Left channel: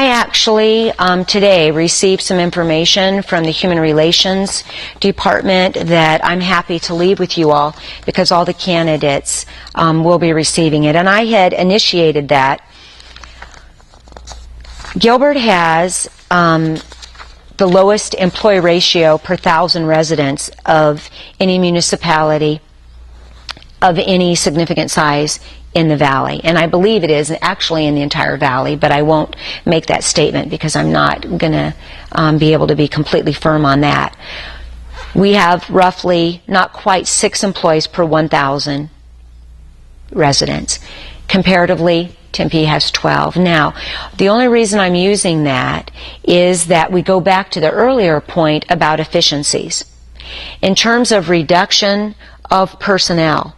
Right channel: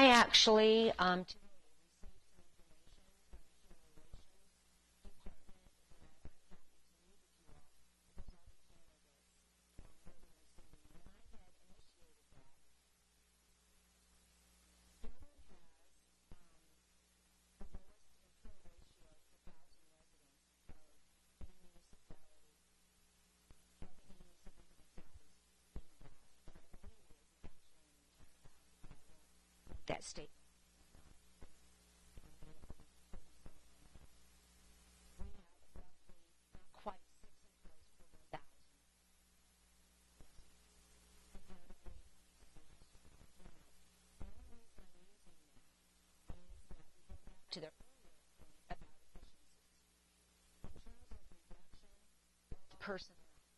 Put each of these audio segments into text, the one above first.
I actually today received some information from the Human Relations Department that I'm happy to leave with you all because all the candidates will be receiving it. And I had initiated that. Gilbert has the lowest employee ratio per 1,000 residents of any municipality of any significant size in the valley, and I believe it is actually in the entire valley, but I won't make that statement because I'm not going to be able to be completely firm on that. We have roughly not quite 6 employees per 1,000 residents. Comparatively, Tempe has 12. Now, the only reason I'm using that is that we go back to the earlier point about efficiencies. In terms of reduction of personnel,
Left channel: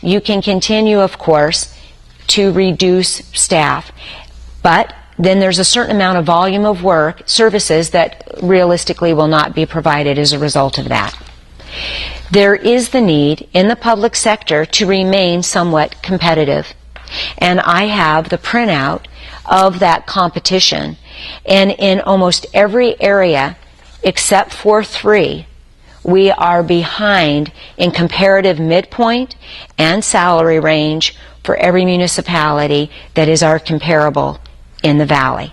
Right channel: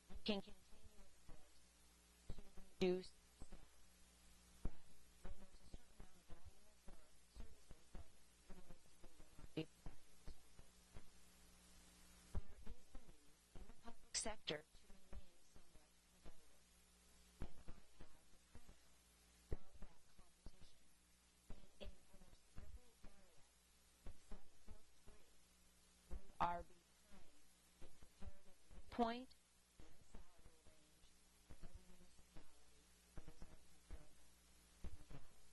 you can continue, of course, to reduce staff, but then there's a certain amount of volume of work, services, that realistically will not be provided as a result of that. There is the need in the public sector to remain somewhat competitive, and I have the printout of that competition, and in almost every area except for 3, we are behind in comparative midpoint and salary range for every municipality that is our comparable in the valley.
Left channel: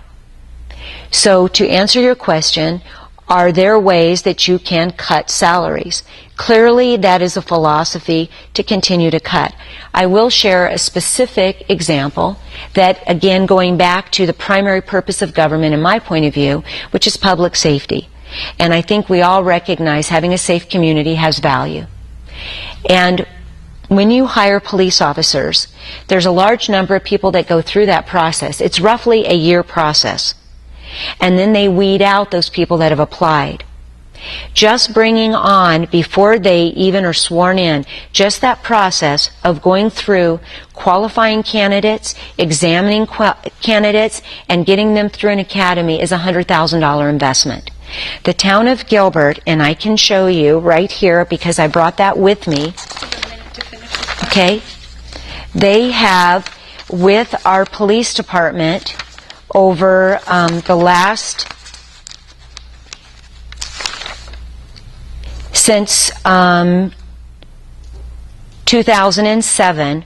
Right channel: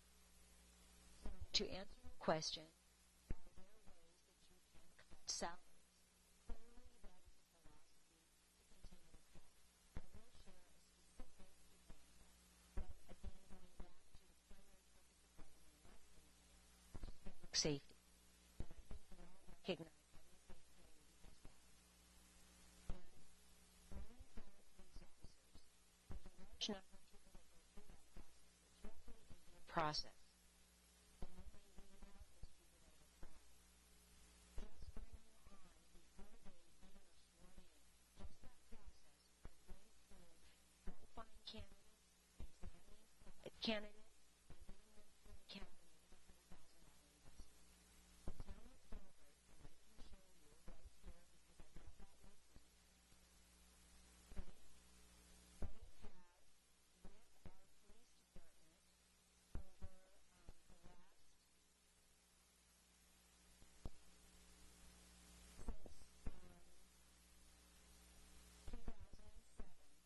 So to answer your question, are there ways that you can cut salaries? Clearly, that is a philosophy to continue to cut. I will share a specific example that, again, going back to the primary purpose of government in my point of view, which is public safety. And I think we all recognize having a safe community has value. And when you hire police officers, there's a large number of people that go through that process. It's roughly a year process. And then they weed out those people that have applied. Just bringing on, before they even are sworn in, just that process of going through qualifying candidates, examining candidates, and getting them through an academy is a $100,000 investment. The town of Gilbert, and I can show you right here because I brought that with me. Okay, they have, with our police department, over the last, since 2007,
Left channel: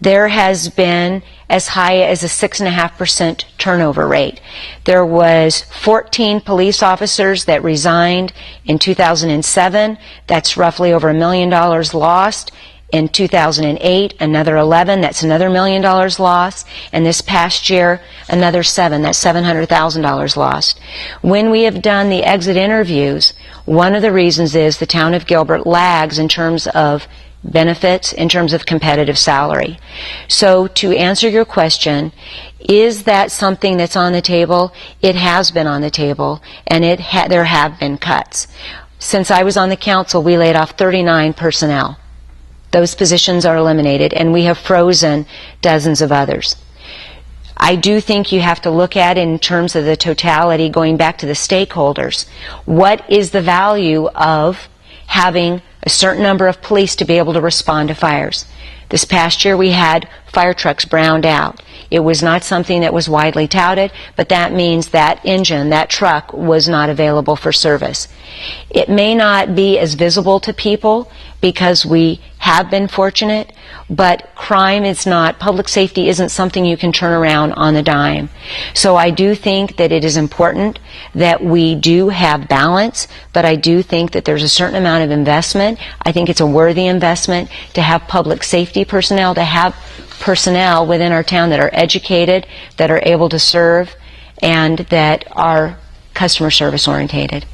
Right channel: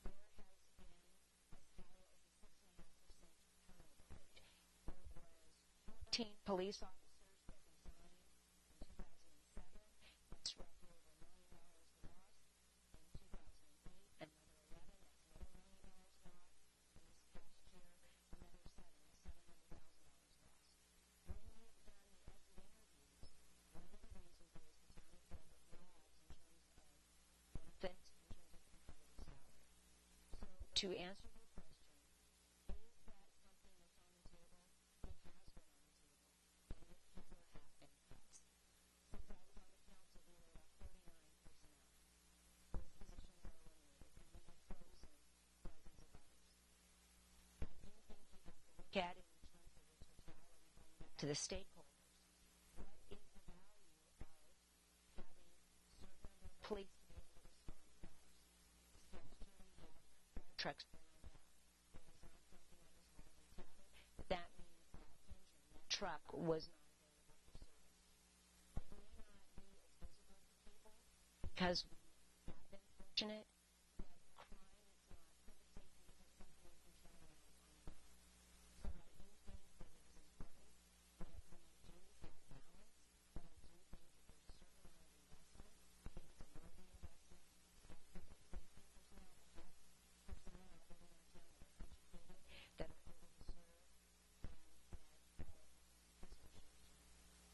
there has been as high as a 6.5% turnover rate. There was 14 police officers that resigned in 2007. That's roughly over $1 million lost. In 2008, another 11. That's another $1 million lost. And this past year, another 7. That's $700,000 lost. When we have done the exit interviews, one of the reasons is the town of Gilbert lags in terms of benefits, in terms of competitive salary. So to answer your question, is that something that's on the table? It has been on the table, and there have been cuts. Since I was on the council, we laid off 39 personnel. Those positions are eliminated, and we have frozen dozens of others. I do think you have to look at it in terms of the totality, going back to the stakeholders. What is the value of having a certain number of police to be able to respond to fires? This past year we had fire trucks browned out. It was not something that was widely touted, but that means that engine, that truck, was not available for service. It may not be as visible to people because we have been fortunate, but crime is not, public safety isn't something you can turn around on a dime. So I do think that it is important that we do have balance, but I do think that there's a certain amount of investment. I think it's a worthy investment to have public safety personnel, to have personnel within our town that are educated, that are able to serve, and that are customer service orientated.